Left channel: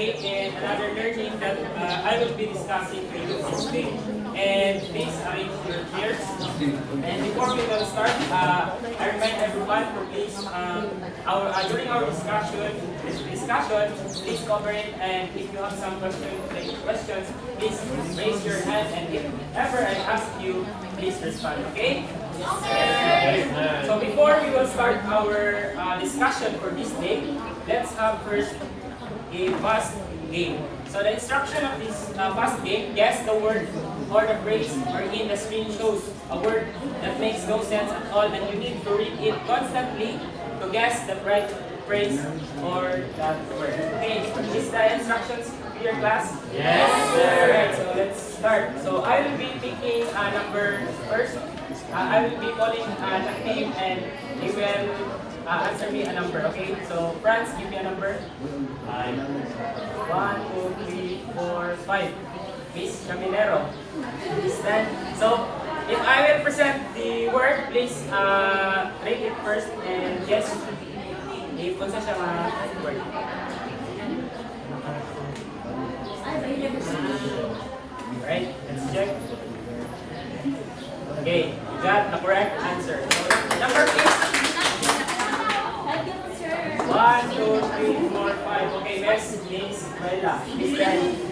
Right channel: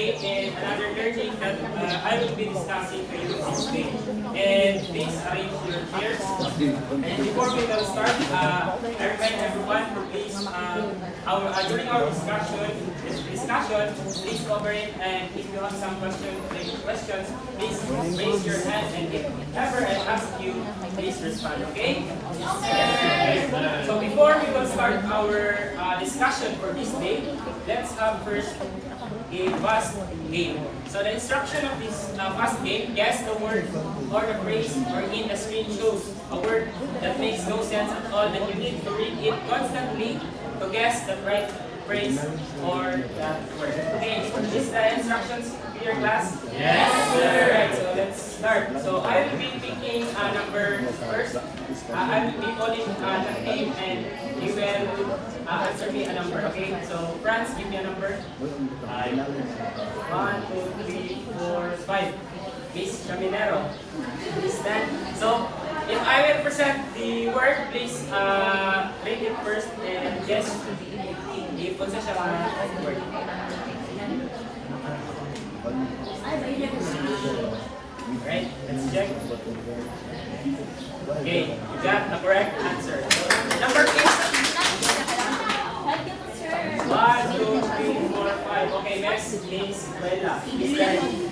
day and another learning that I will be discussing to you today. And please arrange your chairs. And before we will start, I remind everyone to please, during our discussion, please cooperate, and if you have some questions, please raise your hand, and if ever I ask you, please respond, okay? Okay. So before we will start our discussion for this day, let's have first a fast game. So the instruction of this fast game, guess the word or the phrase wherein the screen shows a word that makes no sense at all, and you need to read it constantly to guess the right phrase or that word. Okay, is the instructions to your class? Yes, sir. Alright, so let's start. So I will be picking a number first. I will be calling a name, and you will answer me a number, okay? So Franz, give me a number. 5. 1, 2, 3, 4, 5. Miss Caminero. Stand. So if I will present the word, please read it first and guess if kung saan siya word. Alright, let's check. Okay, you got the correct answer. So, number 8. 1, 2, 3, 4, 5. Okay, next is Bella. Miss Danny.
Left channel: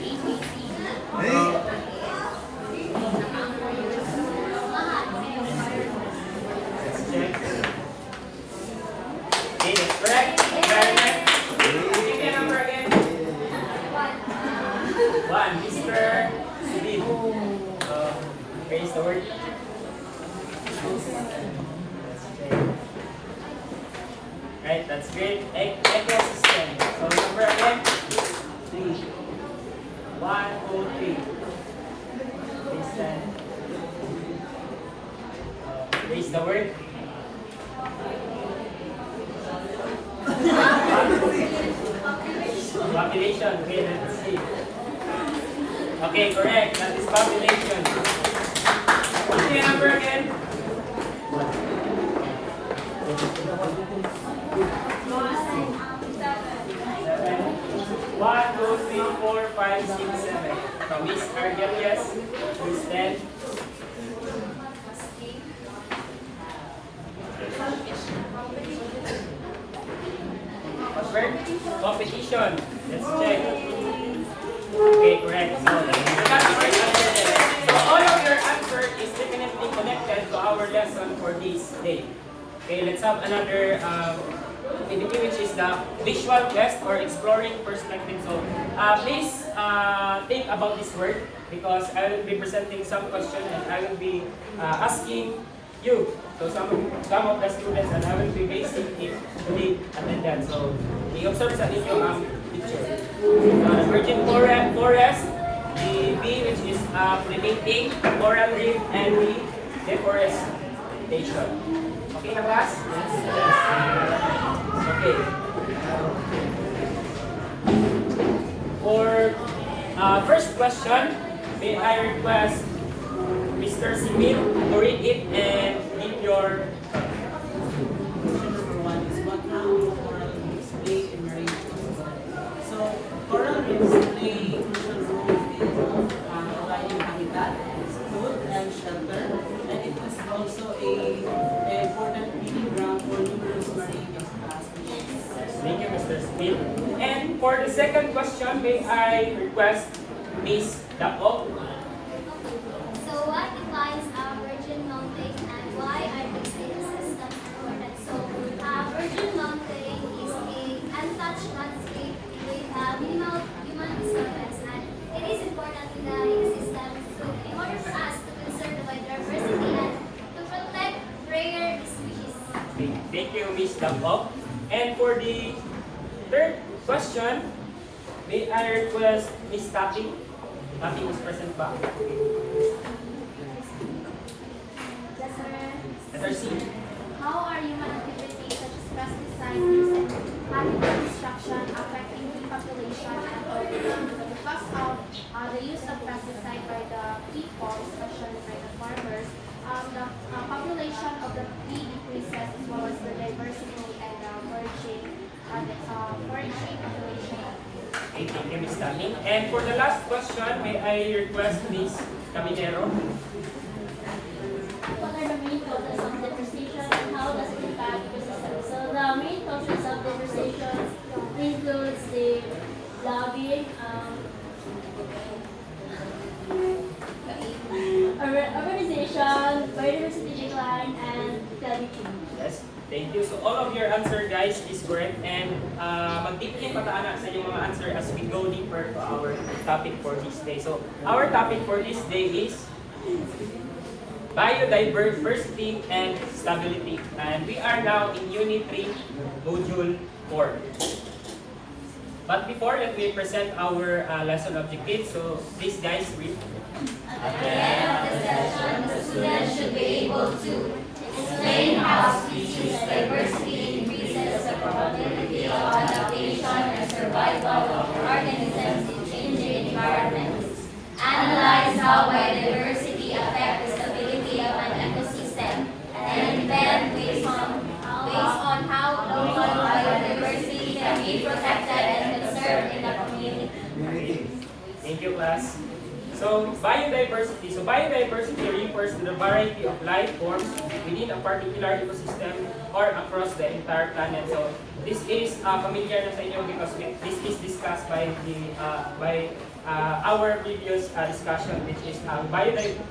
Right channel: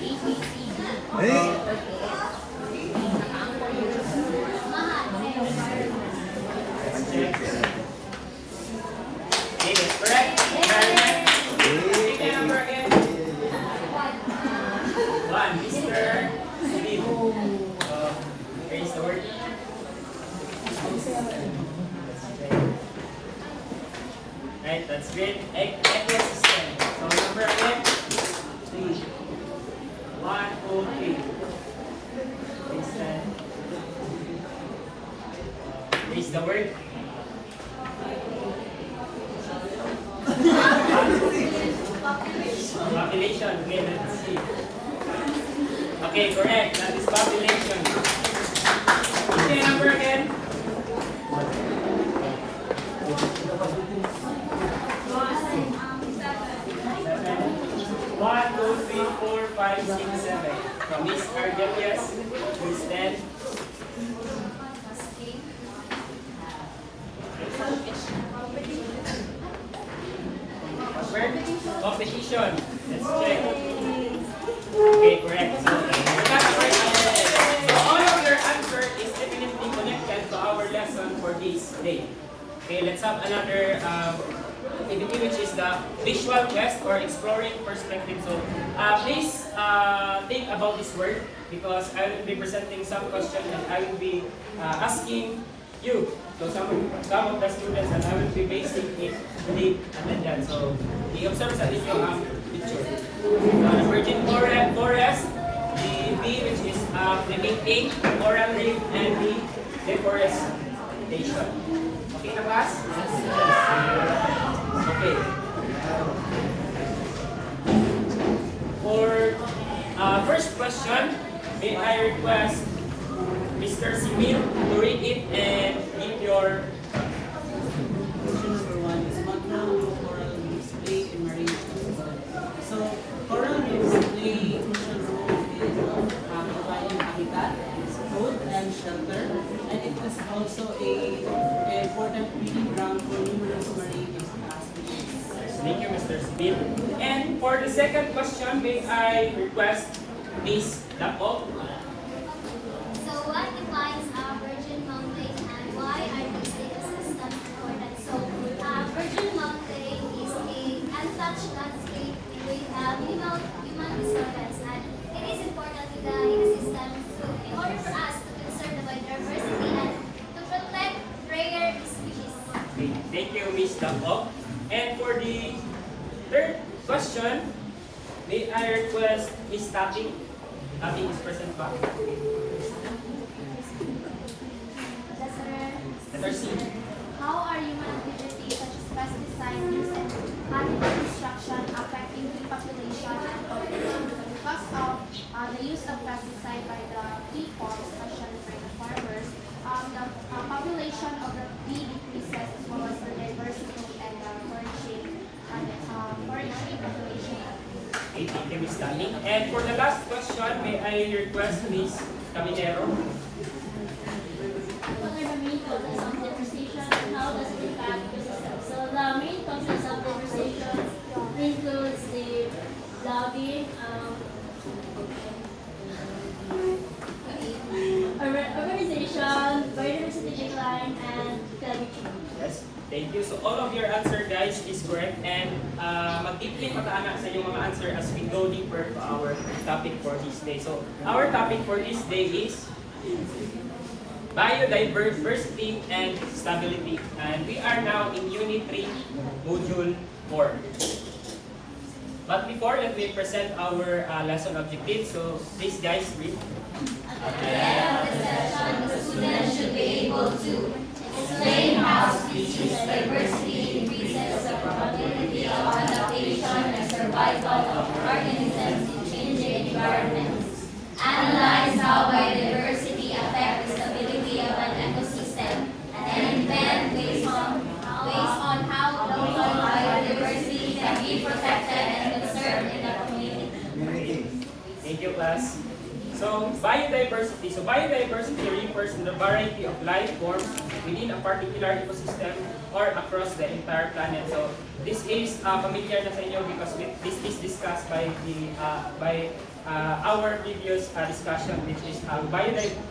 Let's check. Okay, that's correct. Repeat the number again. 1, Mr. Steve. Raise the word. Right, that's great. Ecosystem. So number again. 3. 1, 2, 3. Raise the word. Population. Okay, let's see. Okay, correct. That is population. Okay, number again. 1, 2, 3, 4, 5, 6, 7. Now, Miss Argelius, please stand. Competition. Let's check. Okay, correct. So, that's correct answer. So, all of your answer is definitely connected to our lesson for this day. Okay, let's have another activity, which is the visual quest or exploring perspective. So, please think about this word, because I will be presenting some questions and I will be asking you. So some of the students, and I will be basing it to be attendance. So i-observe sa inyo ang picture. Virgin forest, the B, which is primiting, coral reef, and the deforestation. Okay na class? Okay. For first question, may I request Mr. Simil to read it and give your one is what role coral reefs play in marine ecosystem. So coral reefs play a crucial role in providing habitat, food and shelter, and it is also an important breeding ground for numerous marine species. Thank you, Mr. Smith. And for the second question, may I request Miss Dapo? So what defines a virgin mountain and why are these ecosystems important? So virgin mountain is an untouched landscape with minimal human disturbance, and it is important in the ecosystem in order for us to conserve the biodiversity and to protect rare species. Okay, thank you, Miss Dapo. And for the third question, may I request Miss Tapping? Tapping is present ba? Yes, sir. Letter C. How are human activities such as pesticides and habitat destruction affecting bee population and population? So because of the use of pesticide by the people, especially by the farmers, the population of the bee decreases, as well as the diversity and the foraging population Okay, thank you, Ms. Tami. And for the last question, may I request Ms. Caminero? What are the main causes of deforestation and how does it impact ecosystems? So the main causes of deforestation includes the lobbying, urbanization, biodiversity decline, and climate change. Yes, thank you. So all of your answer, guys, is correct. And mag-deeply pataanan sa inyong mga answer as we go deeper to our topic for this day. So our topic for this day is biodiversity and stability. And we are now in Unit 3, Module 4. But before that, we present our lesson objectives. So please, guys, read. At the end of the session, the student should be able to explain how species diversity increases the probability of adaptation and survival of organisms in changing environments, analyze how biodiversity affects the stability of an ecosystem, and invent ways on how local biodiversity can be protected and conserved in the community. Thank you, class. So biodiversity. So biodiversity refers to the variety of life forms within a particular ecosystem or across the entire planet. So this is familiar na sa inyo because this is discussed by our previous discussion, which is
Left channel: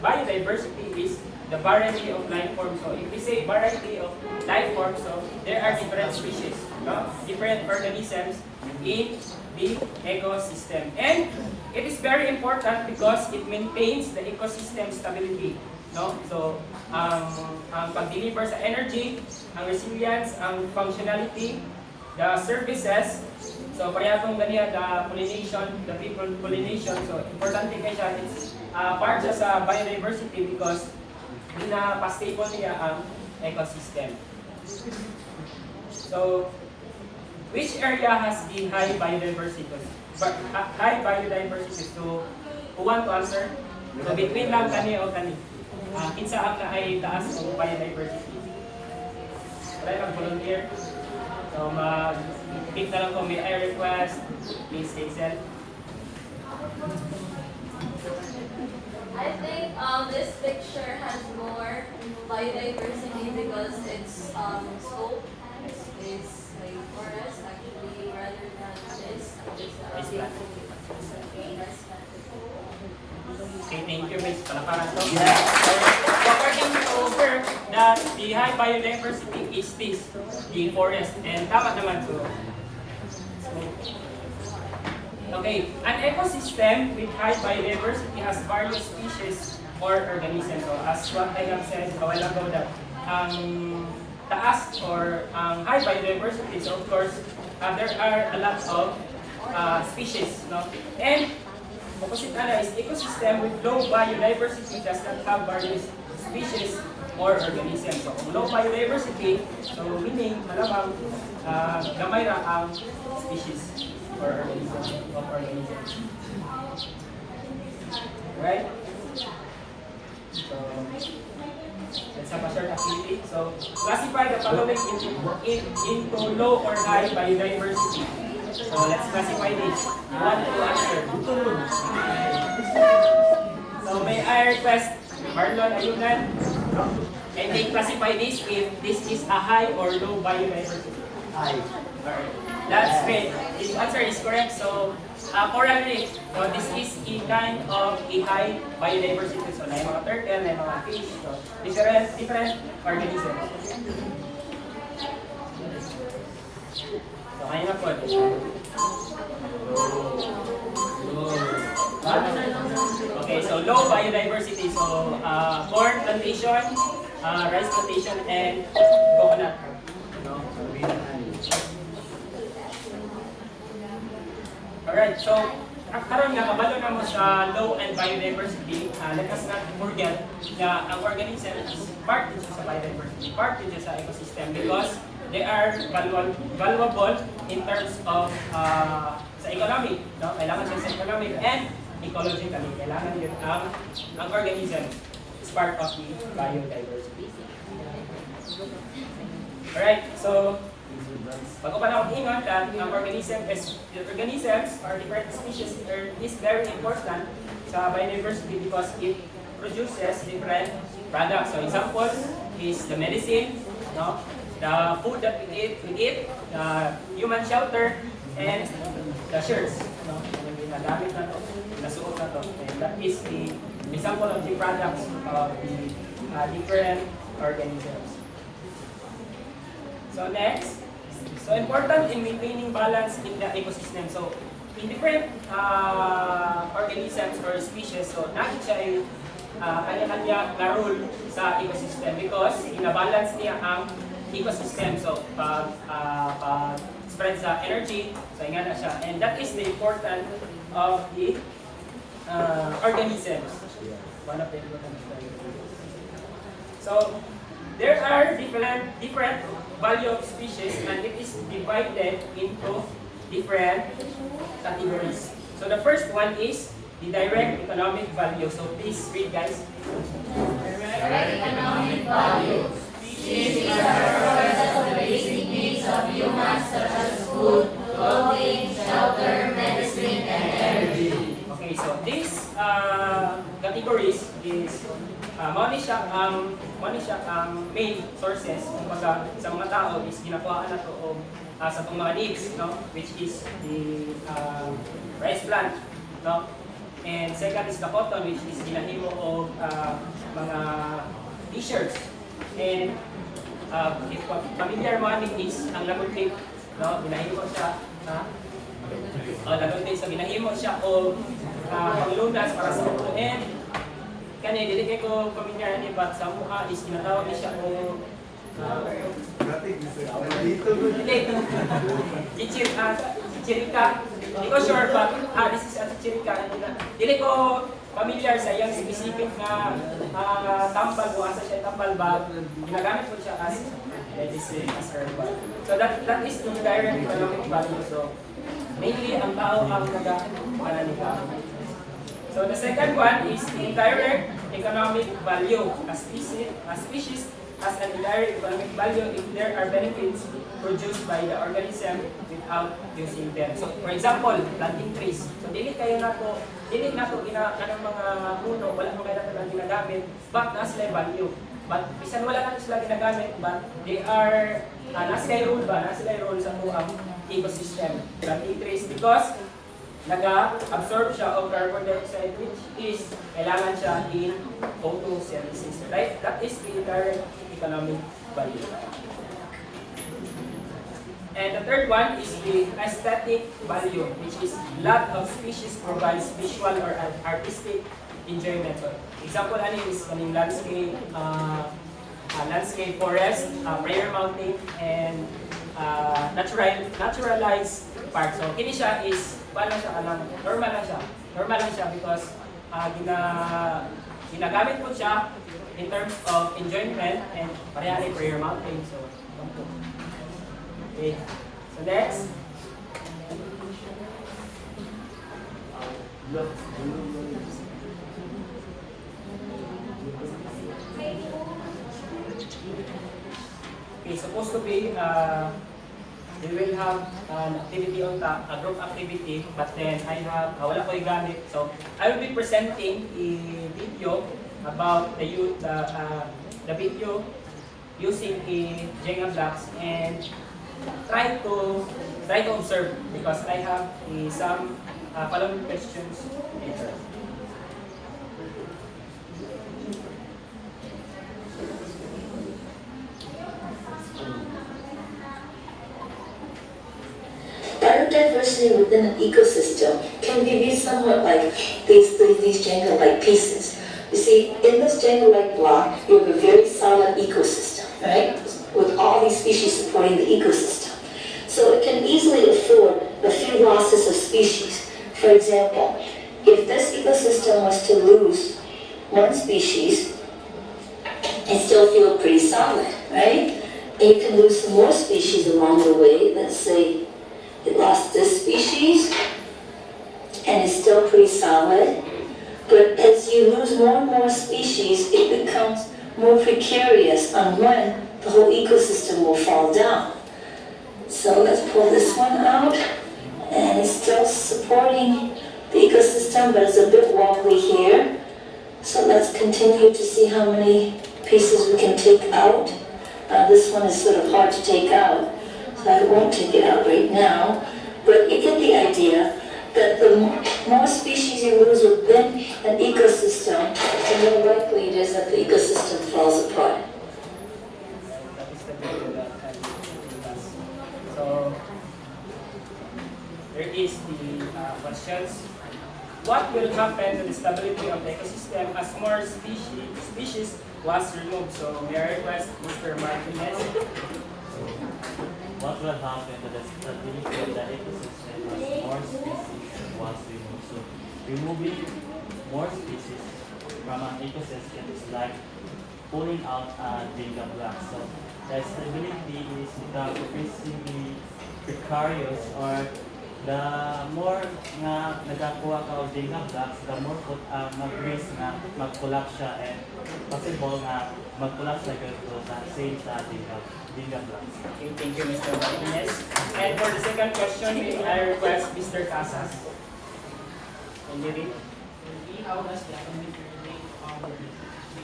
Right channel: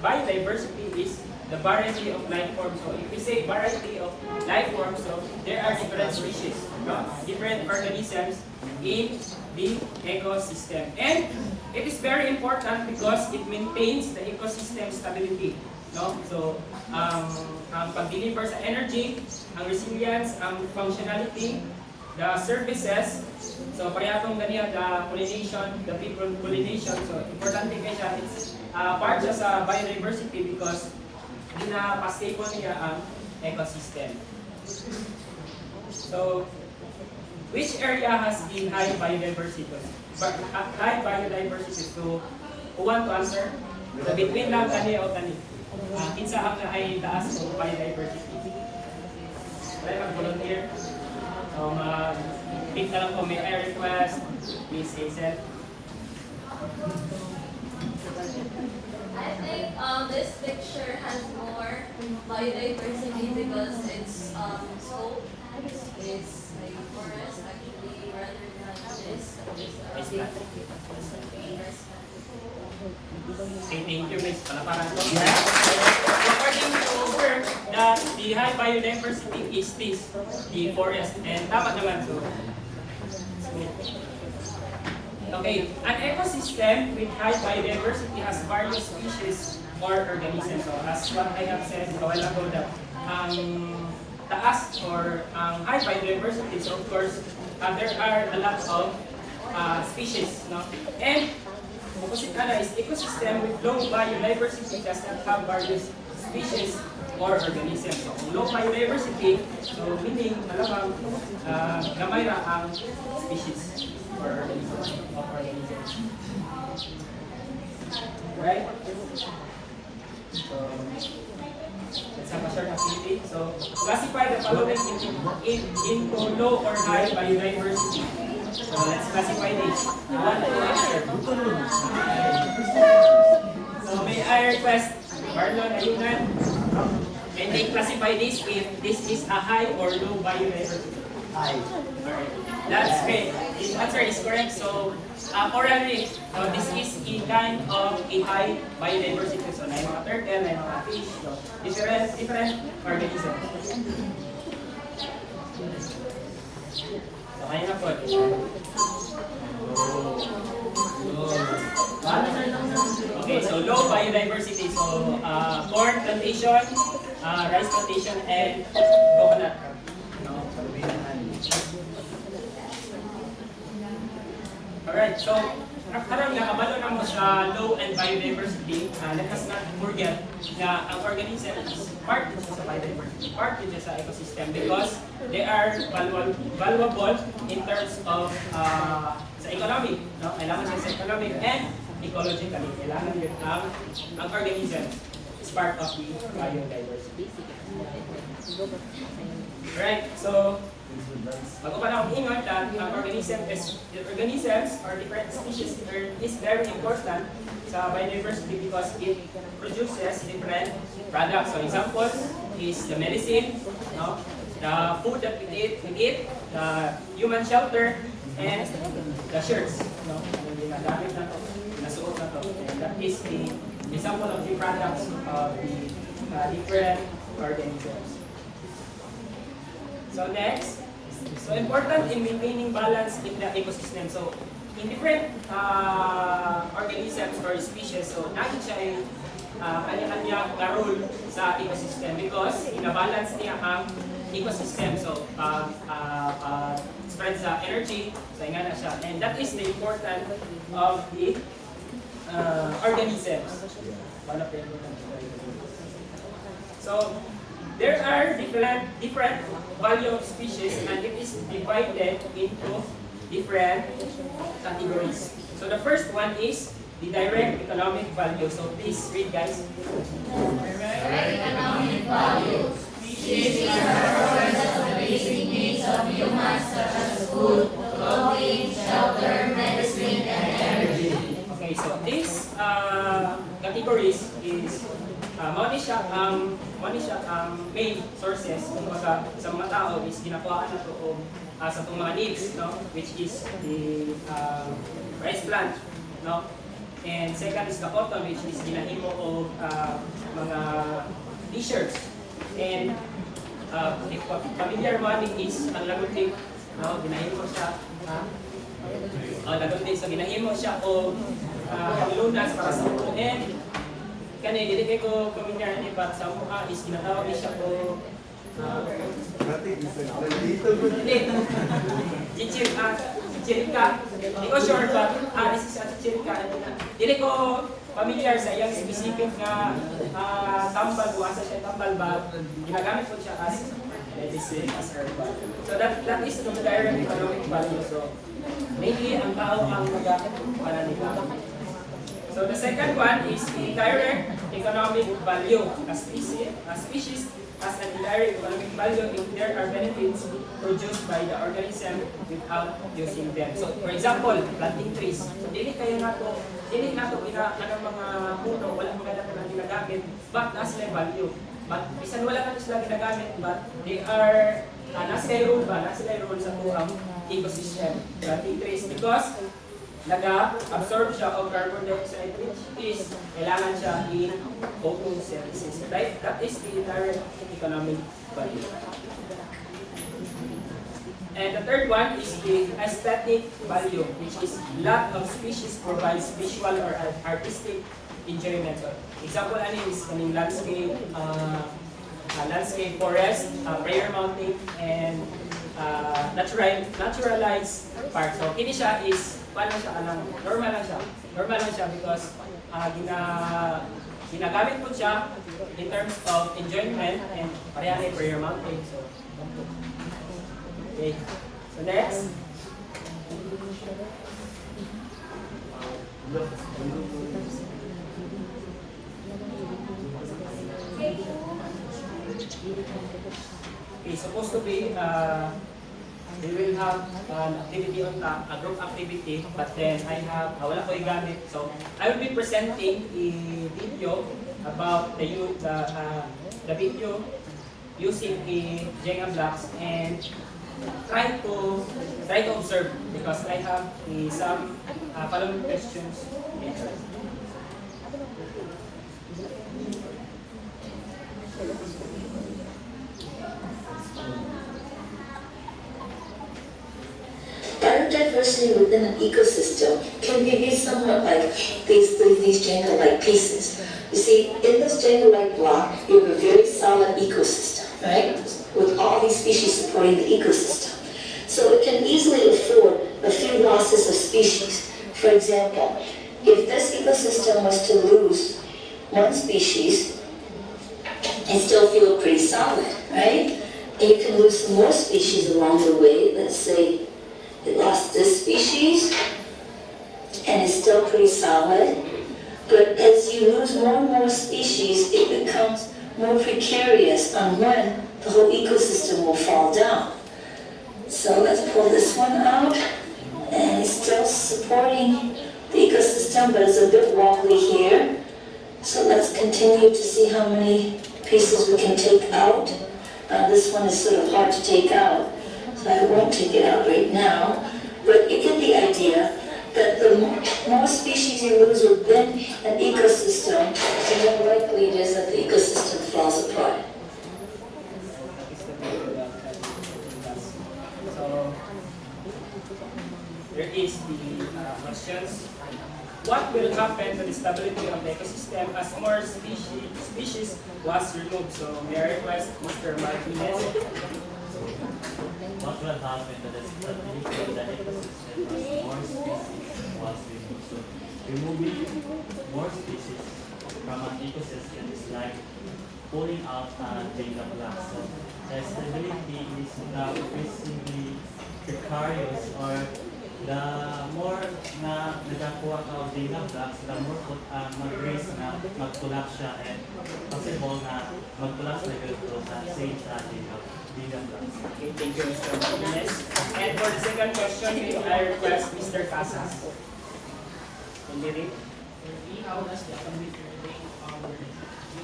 biodiversity is the variety of life forms. So if we say variety of life forms, so there are different species, different organisms in the ecosystem. And it is very important because it maintains the ecosystem stability. No? So, ang pag-deliver sa energy, ang resilience, ang functionality, the services, so parehong dali the pollination, the people pollination. So, importante kay siya, it's part siya sa biodiversity because hindi na pa-stable niya ang ecosystem. So, which area has the high biodiversity? High biodiversity. So, who want to answer? So, between lang kani o kani. Kinsa ang ay taas ng biodiversity? Wala nag-volunteer? So, mag-pick na lang kung may I request. Please, Hazel. I think this picture has more biodiversity because it's scope. It's a forest actually rather than this. It's Okay, thank you, Miss. Palaparan to. According to over that the high biodiversity is this, the forest. And tama naman to. Okay, an ecosystem with high biodiversity has various species or organisms. So as what I have said a while ago that taas or high biodiversity, so of course there are a lot of species. No? And opposite is ecosystem with low biodiversity does not have various species or organisms. So low biodiversity, so meaning malamang gamay na ang species or organisms. Right? So, let's have a short activity. So, classify the following into low or high biodiversity. So, let's classify this. One to answer. So, may I request Marlon Ayunan? And they classify this if this is a high or low biodiversity. High. That's great. His answer is correct. So, currently, this is a kind of a high biodiversity. So, may mga turtle, may mga fish, so different organisms. So, ayun na po. Okay, so low biodiversity. So, corn plantation, rice plantation, and coconut. Alright, so karon nga kabalo na mo sa low and biodiversity, let us not forget na ang organism is part din sa biodiversity, part din sa ecosystem because they are valuable in terms of sa economy, no? Kailangan siya sa economic and ecologically. Kailangan yun ang organism is part of the biodiversity. Alright, so Bago pa na ingat that ang organisms or different species is very important sa biodiversity because it produces different products. So example is the medicine, no? The food that we eat, the human shelter, and the shirts. No? Ginagamit na to, nasuot na to. And that is the example of the products of the different organisms. So next, so important in maintaining balance in the ecosystem. So in different organisms or species, so nakit siya ay kanya-kanya na role sa ecosystem because ina-balance niya ang ecosystem. So spread sa energy, so nga na siya. And that is the importance of the organisms. So there are different value of species and it is divided into different categories. So the first one is the direct economic value. So please read, guys. Direct economic value. Species are provided for the basic needs of humans such as food, clothing, shelter, medicine, and energy. Okay, so these categories is money siya ang main sources kumbaga sa mga tao is ginakuha na to o sa mga needs, no, which is the rice plant, no, and second is the cotton, which is ginahimo o mga t-shirts, and if familiar mo is ang lagutik, no, ginahimo siya lagutik, so ginahimo siya o panglunas para sa ulo, and kani dili kay ko pamilyar ni but sa mukha is ginatawag ni siya ko chichirika. Hindi ko sure but this is a chichirika. Dili ko familiar sa iyang specific na tambal o asa siya tambal ba ginagamit ko siya as medicine, as herbal. So that is the direct economic value. So mainly ang tao ang nag-pananibago. So the second one is indirect economic value. A species has an indirect economic value if there are benefits produced by the organism without using them. So for example, planting trees. So dili nato ginagawa mga puno, wala mo kaya natin ginagamit, but nasa value. But bisan wala natin sila ginagamit, but they are nasa role sa buong ecosystem. Planting trees because nag-absorb siya of carbon dioxide which is kailangan siya in photosynthesis. Right? That is the direct economic value. And the third one is the aesthetic value, which is lot of species provides visual or artistic enjoyment. So, example ani is kaning landscape forest, prayer mountain, and naturalized park. So kini siya is normal lang siya because ginagamit ko siya in terms of enjoyment and pareha ni prayer mountain. So okay. So next. Okay, supposed to be we will have an activity on a group activity, but then I have wala ko gamit. So I will be presenting a video about the video using the Jenga blocks and try to observe because I have some following questions later. Biodiversity within an ecosystem can be viewed somewhat like these Jenga-like pieces. You see, in this Jenga-like block, you have a very solid ecosystem, right? With all these species supporting the ecosystem. So it can easily afford a few losses of species. For example, if this ecosystem was to lose one species, it still feel pretty solid, right? And you can lose some more species along the way. Let's say it lost this species, and it's still pretty solid. But as you lose more and more species, it becomes more precarious on when the whole ecosystem will fall down. So let's pull this one out, and it's still supporting the ecosystem, but it's a bit wobbly here. So let's continue to see how many pieces we can take out. This one is sort of hard to take out, so I won't take it out right now. But you get the idea that the more species you lose within an ecosystem, the more likely it is that the ecosystem falls apart. So, there is the questions. What will happen to the stability of the ecosystem as more species was removed? So, may I request Mr. Martinez? What will happen to the stability of the ecosystem as more species was removed? So, removing more species from an ecosystem is like pulling out a data block. So, the stability is increasingly precarious, or the more na nagakuha ka of data blocks, the more mag-risk na mag-collapse siya, and possible na mag-collapse na gano'n na same sa data blocks. Okay, thank you, Mr. Martinez. And for the second question, may I request Mr. Casas? Can you read? How does the economic relate on the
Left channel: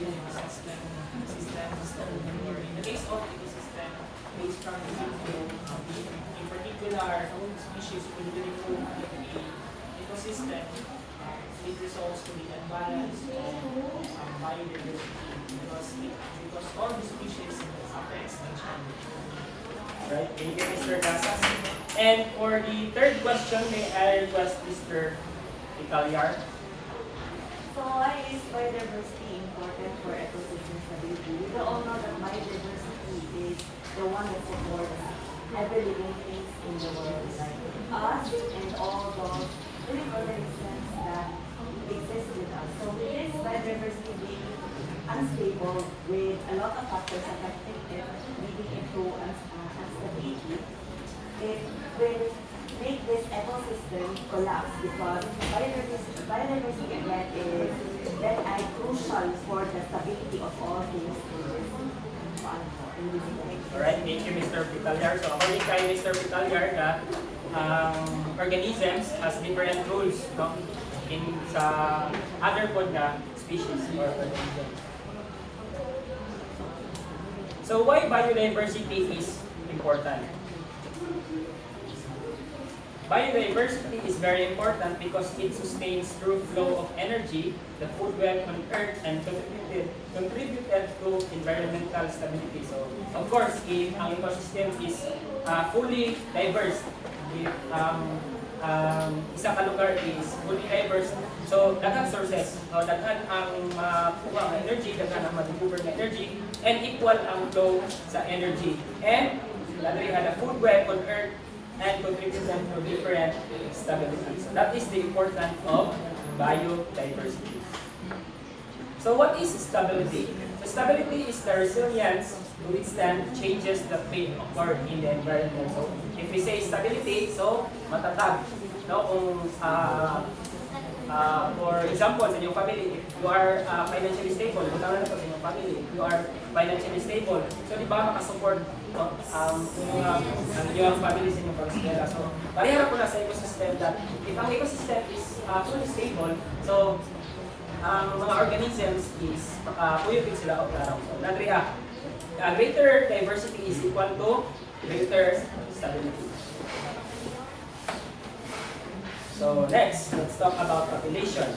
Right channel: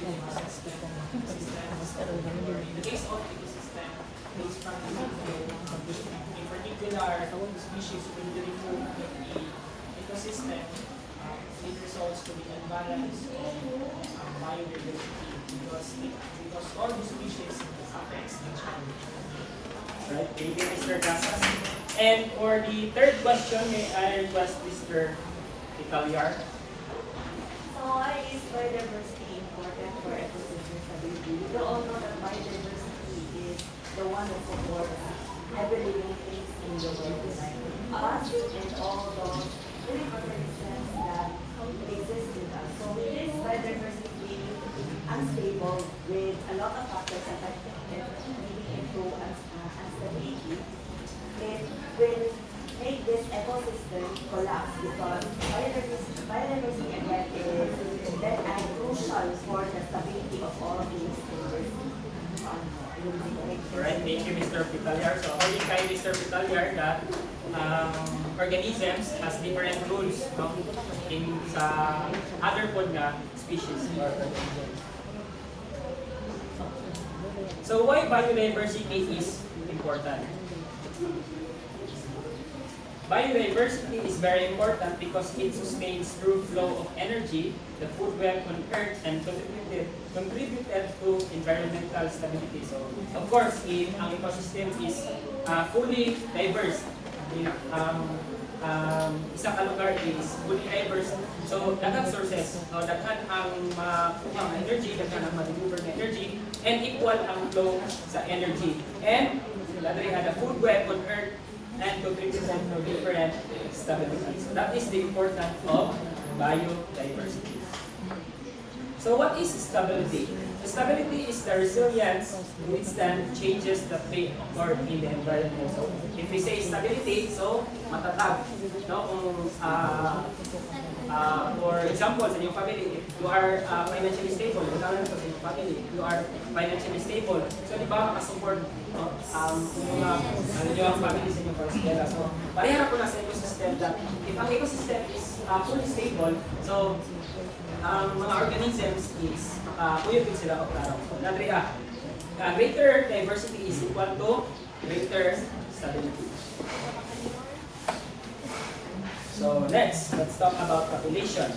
greenhouse system or in the case of ecosystem based from in particular species will improve the ecosystem, it results to the imbalance of biodiversity because all the species affects each other. Right, thank you, Mr. Casas. And for the third question, may I request Mr. Italyar? So why is biodiversity important for ecosystem stability? We all know that biodiversity is the one that supports every living thing in the world, like us and all those living organisms that exist with us. So with this biodiversity being unstable with a lot of factors affecting it, leading into instability, it will make this ecosystem collapse because biodiversity again is that and crucial for the stability of all things in this Alright, thank you, Mr. Italyar. So according kay Mr. Italyar, that organisms has different rules in sa other food na species or organisms. So why biodiversity is important? Biodiversity is very important because it sustains through flow of energy, the food web on Earth, and contributed to environmental stability. So, of course, if ang ecosystem is fully diverse, if isang lugar is fully diverse, so daghang sources, daghan ang makuha ng energy, daghan ang ma-deliver ng energy, and equal ang flow sa energy. And, lalo yung food web on Earth, and contribution to different stabilities. That is the importance of biodiversity. So what is stability? Stability is the resilience to withstand changes that may occur in the environment. So if we say stability, so matatag. No? Kung, for example, sa inyong family, if you are financially stable, butangan na sa inyong family, if you are financially stable, so di ba makasupport ang inyong family sa inyong pag-eskwela. So, parehara po na sa ecosystem that if ang ecosystem is fully stable, so ang mga organisms is puyod din sila o klaro. So, greater diversity is equal to greater stability. So next, let's talk about population.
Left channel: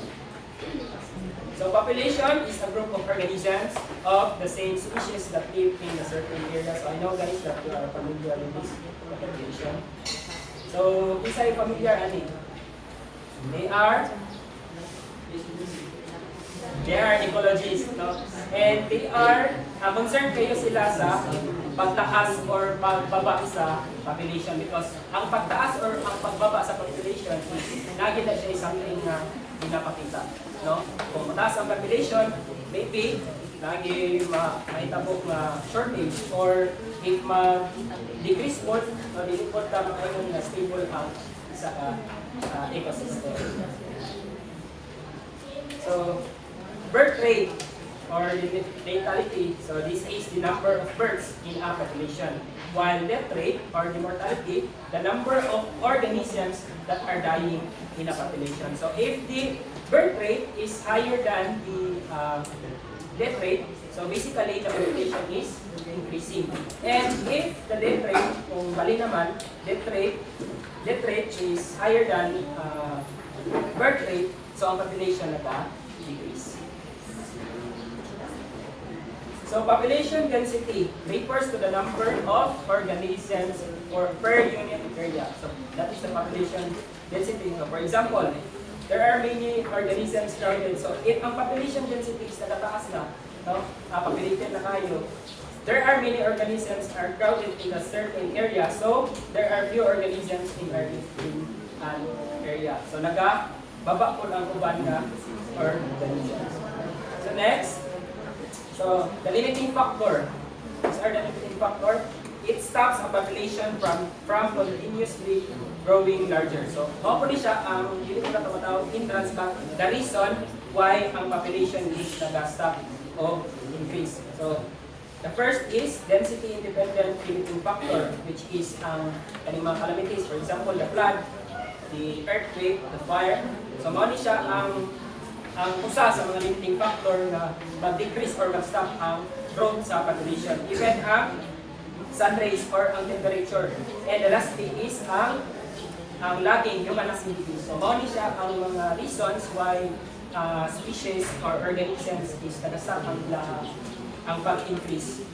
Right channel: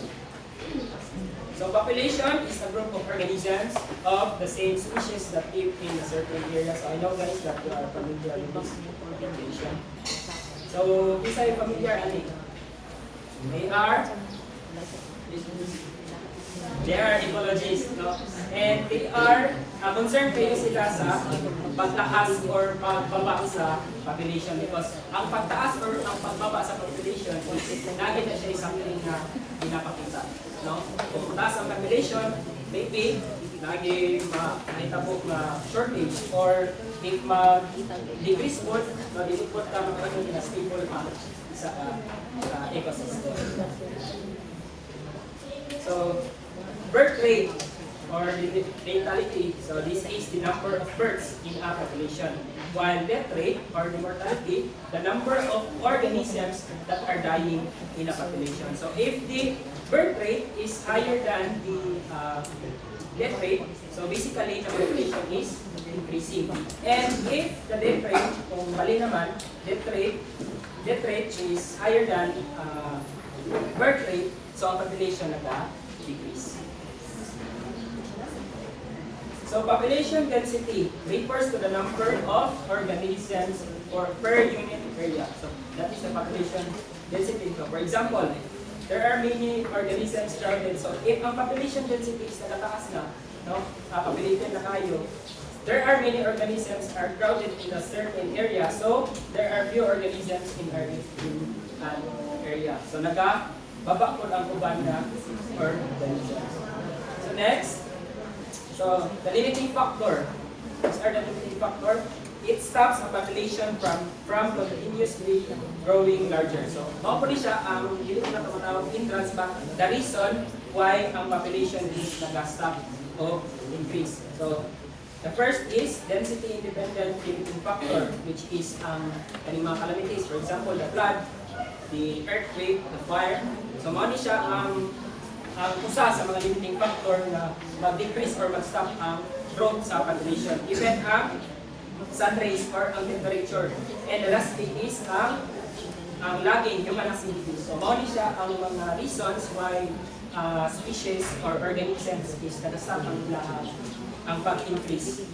So population is a group of organisms of the same species that live in a certain area. So I know guys that you are familiar with this population. So these are familiar, I think. They are ecologists, no? And they are concerned kayo sila sa pagtaas or pagbaba sa population because ang pagtaas or ang pagbaba sa population is lagi na siya something na pinapakita, no? Kung mataas ang population, maybe lagi makita po na shortage, or if mag-decrease po, mag-report ka makita na stable ang sa ecosystem. So birth rate or natality, so this is the number of births in a population. While death rate or the mortality, the number of organisms that are dying in a population. So if the birth rate is higher than the death rate, so basically the population is increasing. And if the death rate, kung bali naman, death rate is higher than birth rate, so ang population naka-decrease. So population density refers to the number of organisms or per unit area. So that is the population density. So for example, there are many organisms crowded. So if ang population density is nakataas na, no, populated na kayo, there are many organisms are crowded in a certain area. So there are few organisms in that area. So baba po ang uban na organisms. So next, so the limiting factor. These are the limiting factor. It stops a population from continuously growing larger. So, hopefully siya ang hindi ko na tumatawag hindrance back the reason why ang population is nag-stop o increase. So, the first is density independent limiting factor, which is ang mga calamities. For example, the flood, the earthquake, the fire. So, mali siya ang usa sa mga limiting factor na mag-decrease or mag-stop ang growth sa population. Even ang sun rays or ang temperature. And the last thing is ang lagging human activity. So, mali siya ang mga reasons why species or organisms is nag-stop ang pag-increase.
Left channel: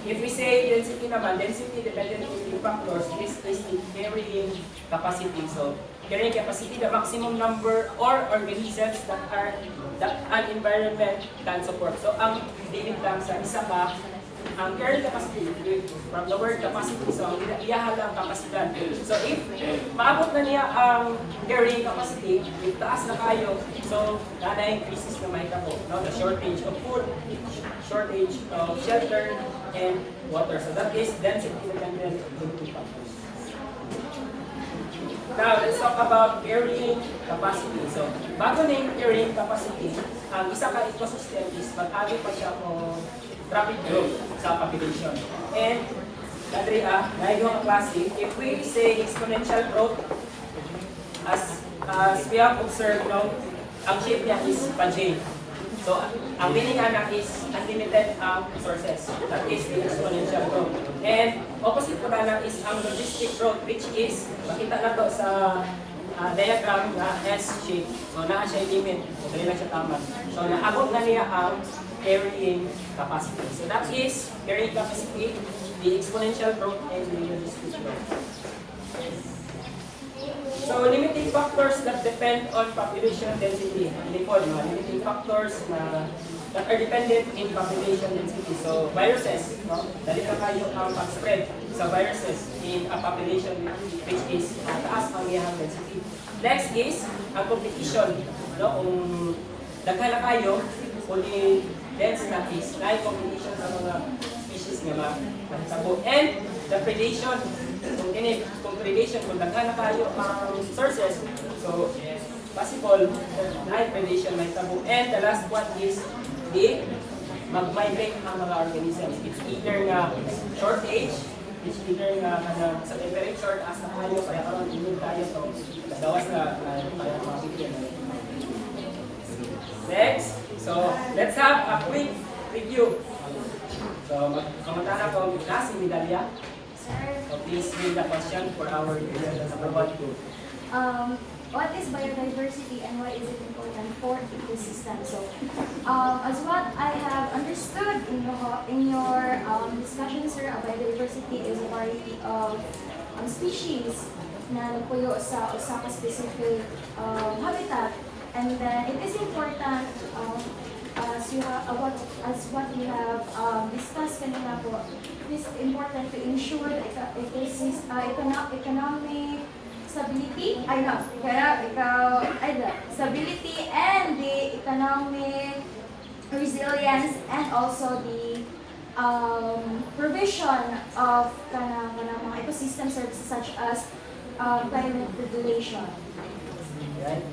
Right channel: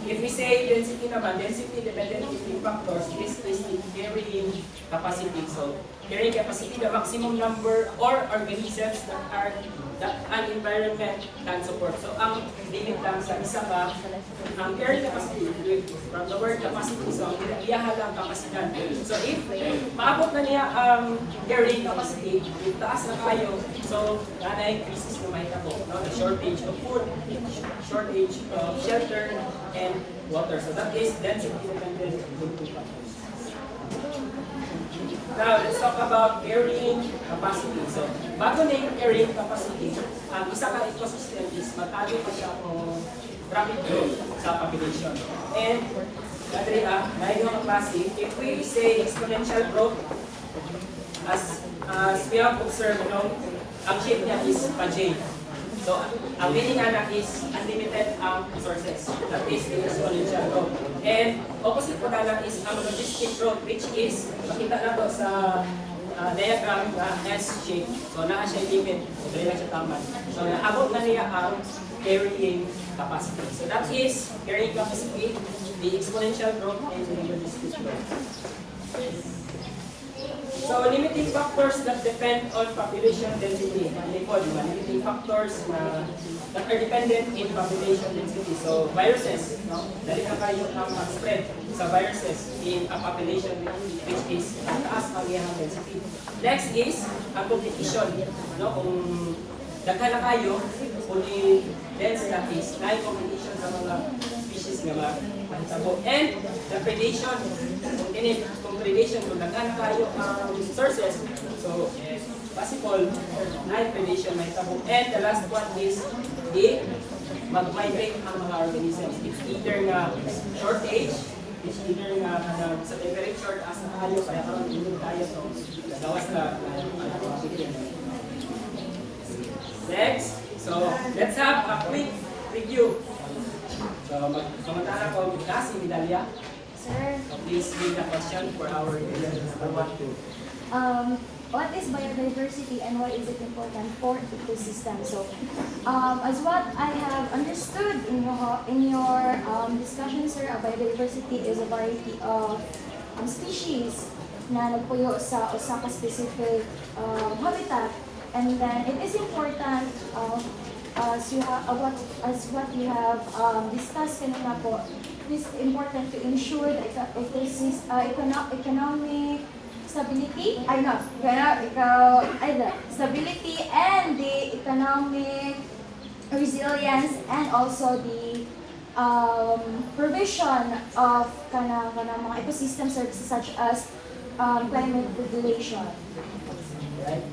If we say density naman, density dependent limiting factors, this is the varying capacity. So, carrying capacity, the maximum number or organisms that an environment can support. So, ang limit lang sa isa ka, ang carrying capacity, from the word capacity, so ang iyahan lang kapasidad. So, if maabot na niya ang carrying capacity, if taas na kayo, so, nanay crisis na mahita po, no? The shortage of food, shortage of shelter, and water. So, that is density dependent limiting factors. Now, let's talk about carrying capacity. So, bago na yung carrying capacity, ang isa ka ecosystem is mag-agi pa siya kung rapid growth sa population. And, naigo ang klase, if we say exponential growth, as we have observed, no, ang shape niya is pa-J. So, ang meaning anak is unlimited sources. That is the exponential growth. And opposite po na lang is ang logistic growth, which is, makita na to sa diagram na S shape. So, naa siya limit. So, dali lang siya tama. So, naabot na niya ang carrying capacity. So, that is carrying capacity, the exponential growth, and the logistic growth. So, limiting factors that depend on population density. Hindi po, limiting factors that are dependent in population density. So, viruses, no? Dali na kayo ang spread sa viruses in a population which is taas ang iyang density. Next is, ang competition. No? Kung daghan na kayo, kung dense na is, na competition sa mga species nga mahitabo. And the predation. Kung predation, kung daghan na kayo ang sources, so possible na predation mahitabo. And the last one is the mag-migrate ang mga organisms. It's either nga shortage, it's either nga sa temperature, asa kayo, kaya karon inod tayo, so dawas na mabigyan. Next, so let's have a quick review. So magkamatahan ko si Vidalia. So please read the question for our viewers. What is biodiversity and why is it important for ecosystem? So, as what I have understood in your discussion, sir, biodiversity is a variety of species na nagpuyo sa usa ka specific habitat, and then it is important as what you have discussed kanina po. It is important to ensure the economic stability, stability and the economic resilience, and also the provision of mga ecosystem services such as climate regulation. Right.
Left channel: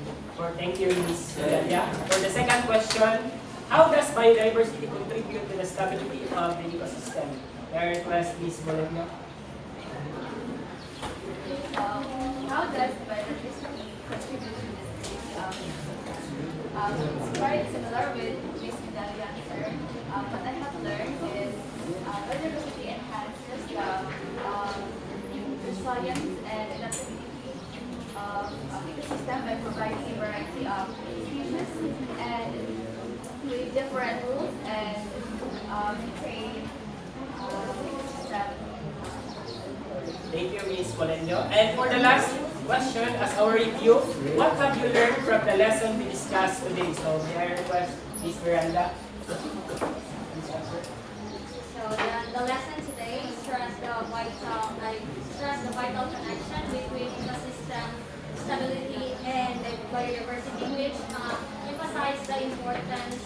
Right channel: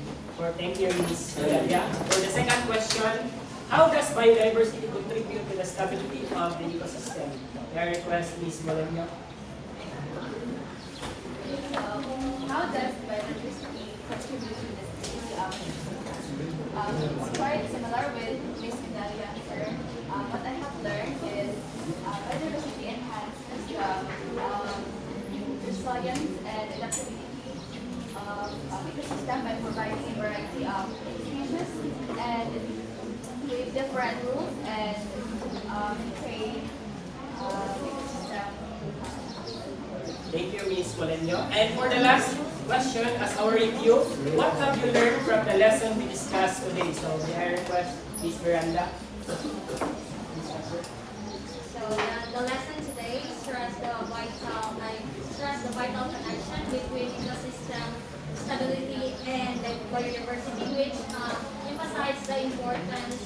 Thank you, Ms. Dalia. For the second question, How does biodiversity contribute to the stability of the ecosystem? May I request Ms. Melania? How does biodiversity contribute to the it's very similar with Ms. Minda's answer. What I have learned is biodiversity enhances the resilience and adaptability of ecosystem by providing a variety of species and with different rules and maintain ecosystem. Thank you, Ms. Colenio. And for the last question, as our review, what have you learned from the lesson we discussed today? So, may I request Ms. Miranda? Please answer. So the lesson today stressed the vital connection between ecosystem stability and biodiversity, which emphasizes the importance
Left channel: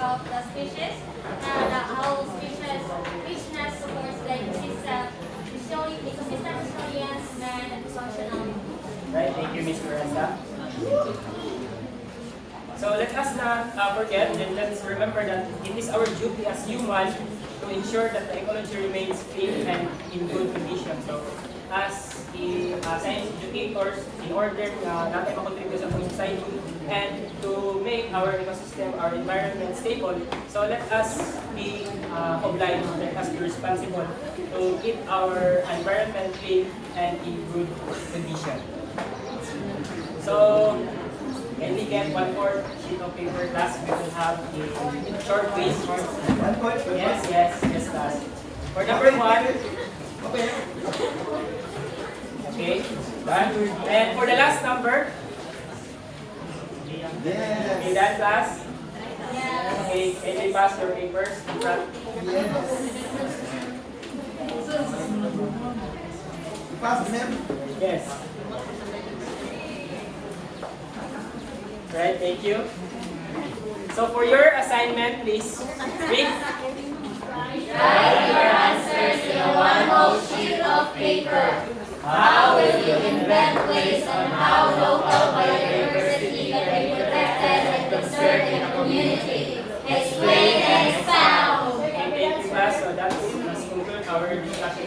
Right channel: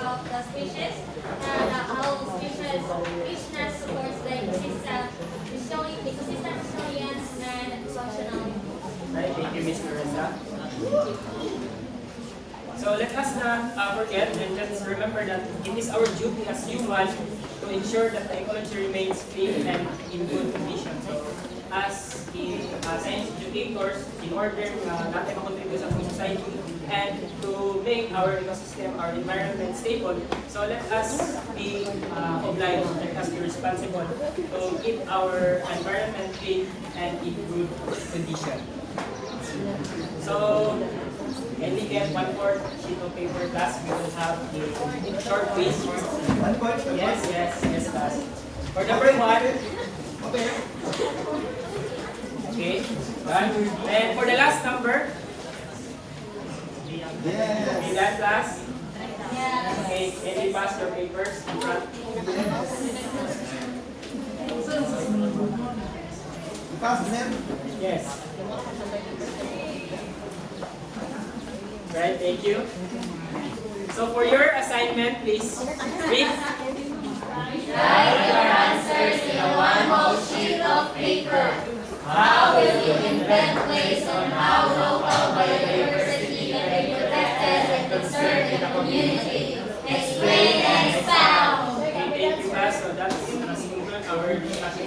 of the species and how species richness supports the ecosystem, showing ecosystem resilience and functionality. Right, thank you, Ms. Miranda. So let us not forget and let's remember that it is our duty as humans to ensure that the ecology remains clean and in good condition. So as science educators, in order natin makontribute sa ating society and to make our ecosystem, our environment stable, so let us be obliged, let us be responsible to keep our environment clean and in good condition. So, can we get one more sheet of paper, class? We will have the short quiz. Yes, class. For number 1, okay, one. And for the last number, okay, that class. Okay, can you pass your papers? Yes. Right, thank you. So for your assignment, please read. Write your answers in a one-whole sheet of paper. How will you invent ways on how local biodiversity can be protected and conserved in a community? Explain and expound. Thank you, class. So that's our discussion.